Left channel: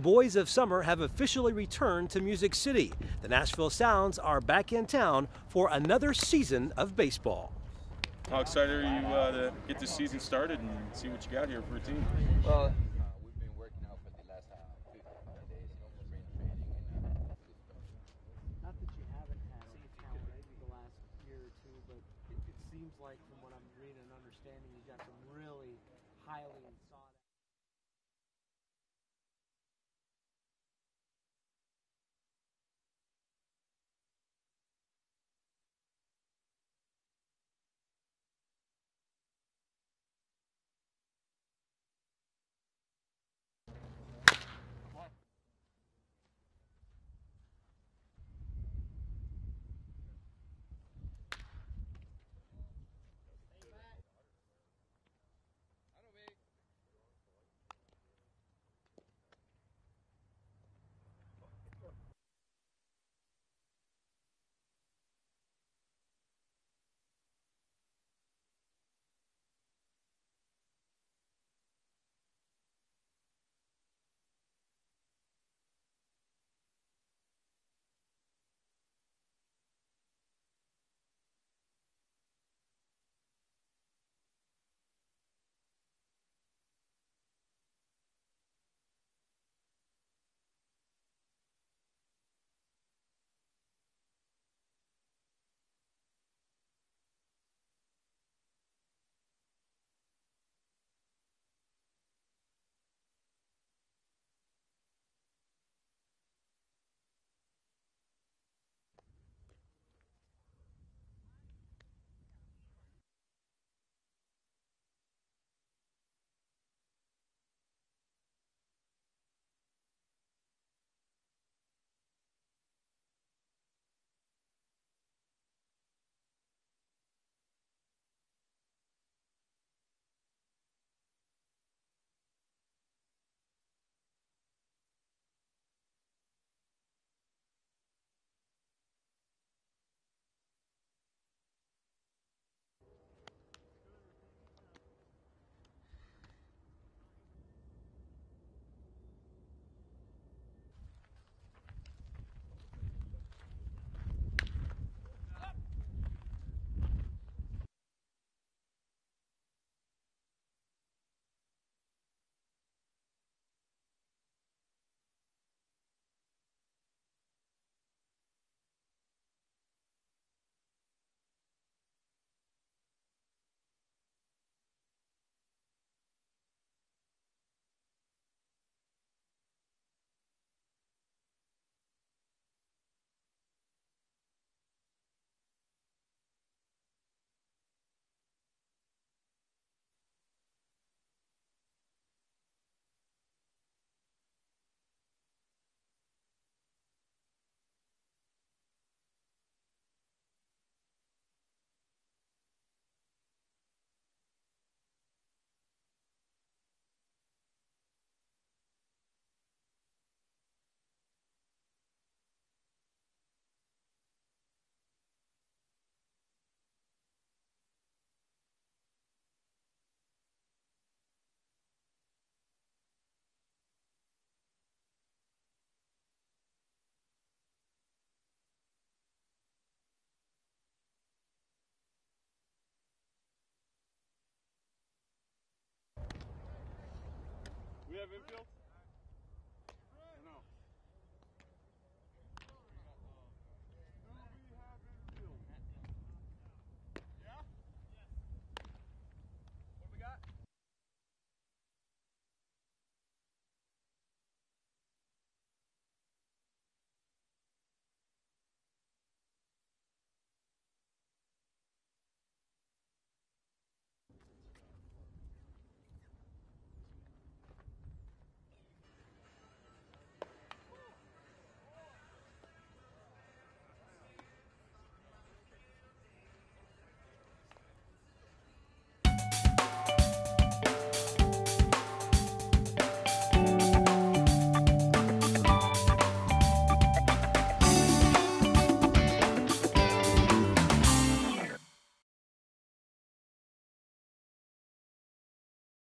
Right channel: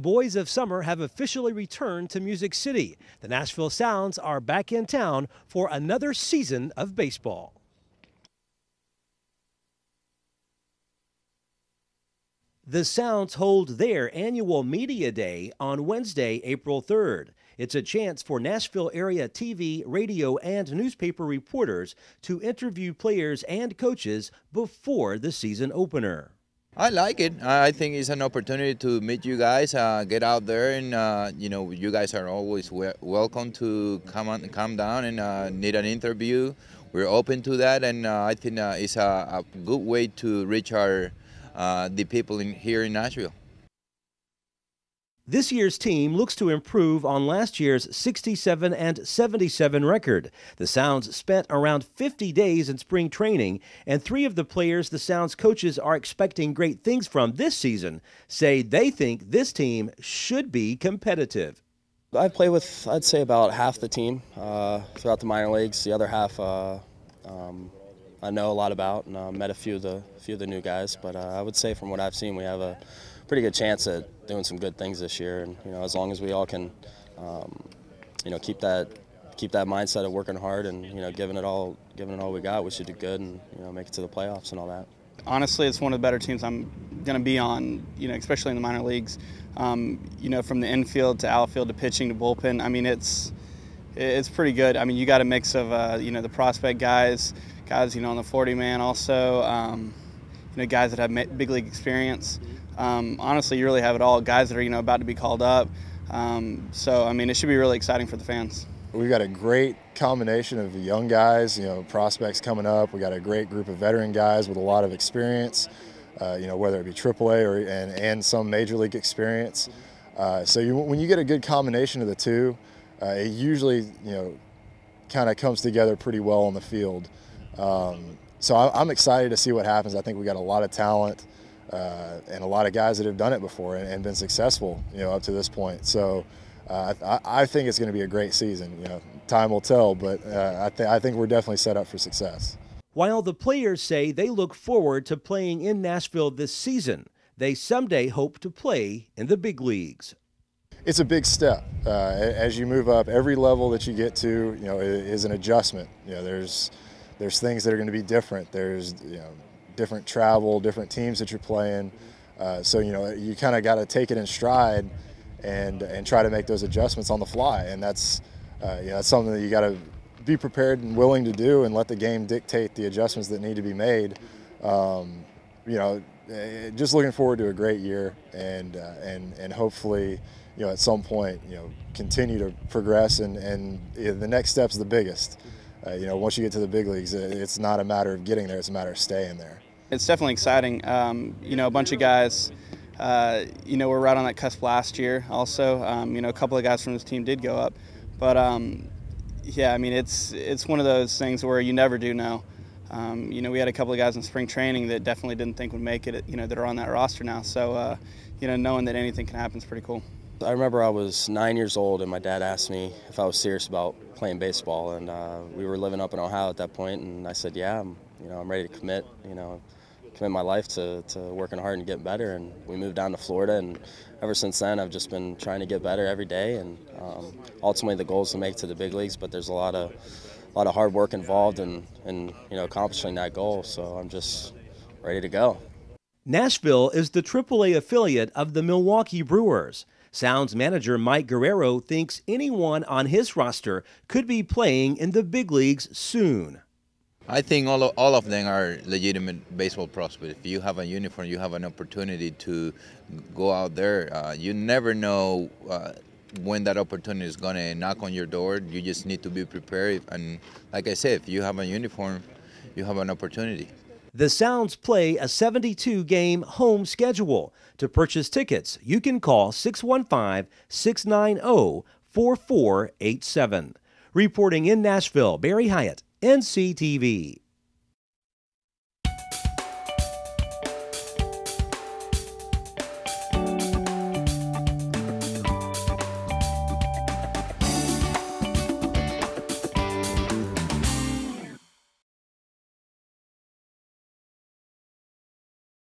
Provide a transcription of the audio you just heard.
The boys of summer have officially returned to Music City. The Nashville Sounds are back in town for another season of baseball. How excited are you to get this season started and see what you got here for a team? The Sounds hold their annual Media Day on Wednesday, April 3rd. It's a chance for Nashville area TV, radio, and newspaper reporters to interview players and coaches before the season opener. I like it. I think it's an opportunity to meet you guys, get out there, and you guys are always welcome to come down and need an interview. We're open to that, and I think it's a good way to reach the people here in Nashville. This year's team looks to improve on last year's 67 and 77 record. The Sounds spent around 50 days in spring training, and 3 of the players the Sounds coaches are expecting great things from this season say they think this team should be competitive. I play with, I'd say, about half the team throughout the minor leagues. The other half I know a lot about, and met a few of the new guys. But I would say, from what I've seen, we have a pretty good chance at doing some good things this year. And as long as we all can, keep that mindset of working hard and giving it all we got, we should do good and make it to the playoffs and all that. Honestly, it's one of the better teams I'm going to be on, especially in the minor leagues. From the infield to outfield to pitching to bullpen. I mean, it's pretty good. I mean, you got a mix of the prospect guys on the 40-man also, guys that have big league experience. Honestly, you really have it all. Guys that are about to be called up. So I mean, it should be really exciting for the fans. We've got a great combination of young guys, prospects coming up. We got a great group of veteran guys with a lot of experience. Whether it be AAA and some major league experience. When you get a good combination of the two, it usually kind of comes together pretty well on the field. So I'm excited to see what happens. I think we got a lot of talent and a lot of guys that have done it before and been successful, up to this point. So I think it's going to be a great season. Time will tell, but I think we're definitely set up for success. While the players say they look forward to playing in Nashville this season, they someday hope to play in the big leagues. It's a big step. As you move up, every level that you get to, is an adjustment. There's things that are going to be different. There's different travel, different teams that you're playing. So you kind of got to take it in stride and try to make those adjustments on the fly. And that's something that you got to be prepared and willing to do, and let the game dictate the adjustments that need to be made. Just looking forward to a great year, and hopefully, at some point, continue to progress. And the next step's the biggest. Once you get to the big leagues, it's not a matter of getting there; it's a matter of staying there. It's definitely exciting. A bunch of guys, were right on that cusp last year. Also, a couple of guys from this team did go up, but. Yeah, I mean, it's one of those things where you never do know. We had a couple of guys in spring training that definitely didn't think would make it, that are on that roster now. So, knowing that anything can happen is pretty cool. I remember I was 9 years old, and my dad asked me if I was serious about playing baseball, and we were living up in Ohio at that point, and I said, yeah, I'm ready to commit my life to working hard and getting better. And we moved down to Florida, and ever since then I've just been trying to get better every day. And ultimately the goal is to make it to the big leagues, but there's a lot of hard work involved in accomplishing that goal. So I'm just ready to go. Nashville is the AAA affiliate of the Milwaukee Brewers. Sounds manager Mike Guerrero thinks anyone on his roster could be playing in the big leagues soon. I think all of them are legitimate baseball prospects. If you have a uniform, you have an opportunity to go out there. You never know when that opportunity is going to knock on your door. You just need to be prepared. And like I said, if you have a uniform, you have an opportunity. The Sounds play a 72-game home schedule. To purchase tickets, you can call 615-690-4487. Reporting in Nashville, Barry Hiett, NCTV.